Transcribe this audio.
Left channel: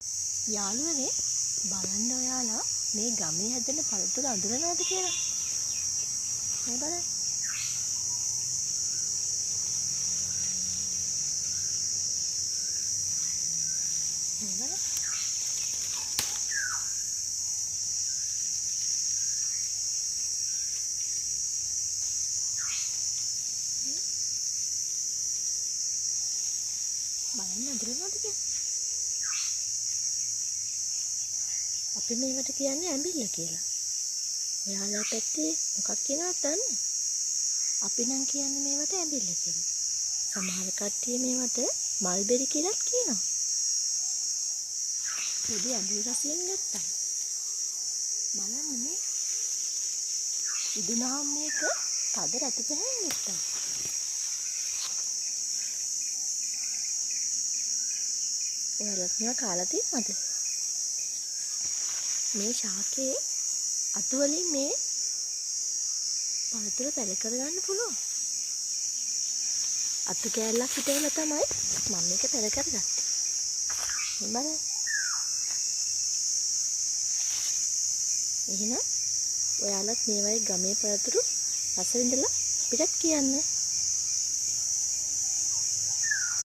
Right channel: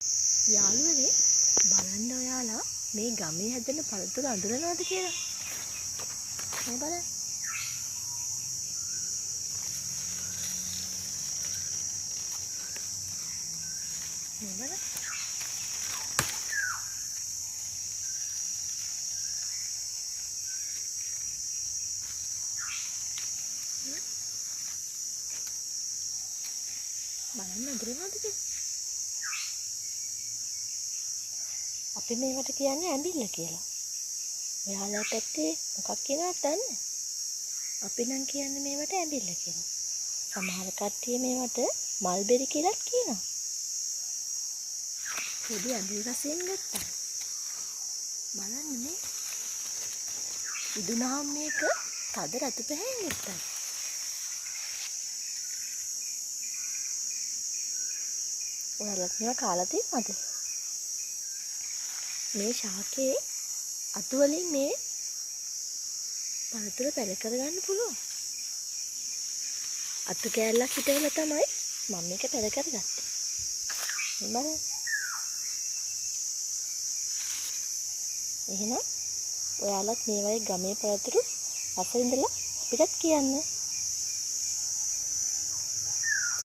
යාළුවනේ බලන්න ඔයාලා මේ ගමේ හැදෙන පළතුරු අඳුරනවද කියලා. මේ බලන්න. මේ බලන්න. බලන්න අඳුරනවද කියලා. අපි මේවට කියන්නේ ඇඹිල්ල කියලා. ඔයාලා පැත්තේ මොකක් කියනවද දන්නේ? අපි නම් කියන්නේ මේවට ඇඹිල්ල කියලා. සමහර කට්ටිය මේවට මල්බෙරි කියලාත් කියනවා. පොඩි ඇඹිලි රසයෙන් ගත්තා. බලන්න මේ. ඉදුණාම මේක තද රතු පැහැයෙන් ගත්තා. ඔයාලත් මේවා කාලා තියෙනවද? මේ ශාකයේ අතු වලින් මේ පළතුරු පැල කරගන්න පුළුවන්. අතු කෑල්ලක් හිටවල තමයි මම මේක පැල කරගත්තේ. මේ බලන්න. එහෙනම් ඔයාලත් මේ වගේ ගමේ පළතුරු රස විඳලා අපිටත් කියන්න.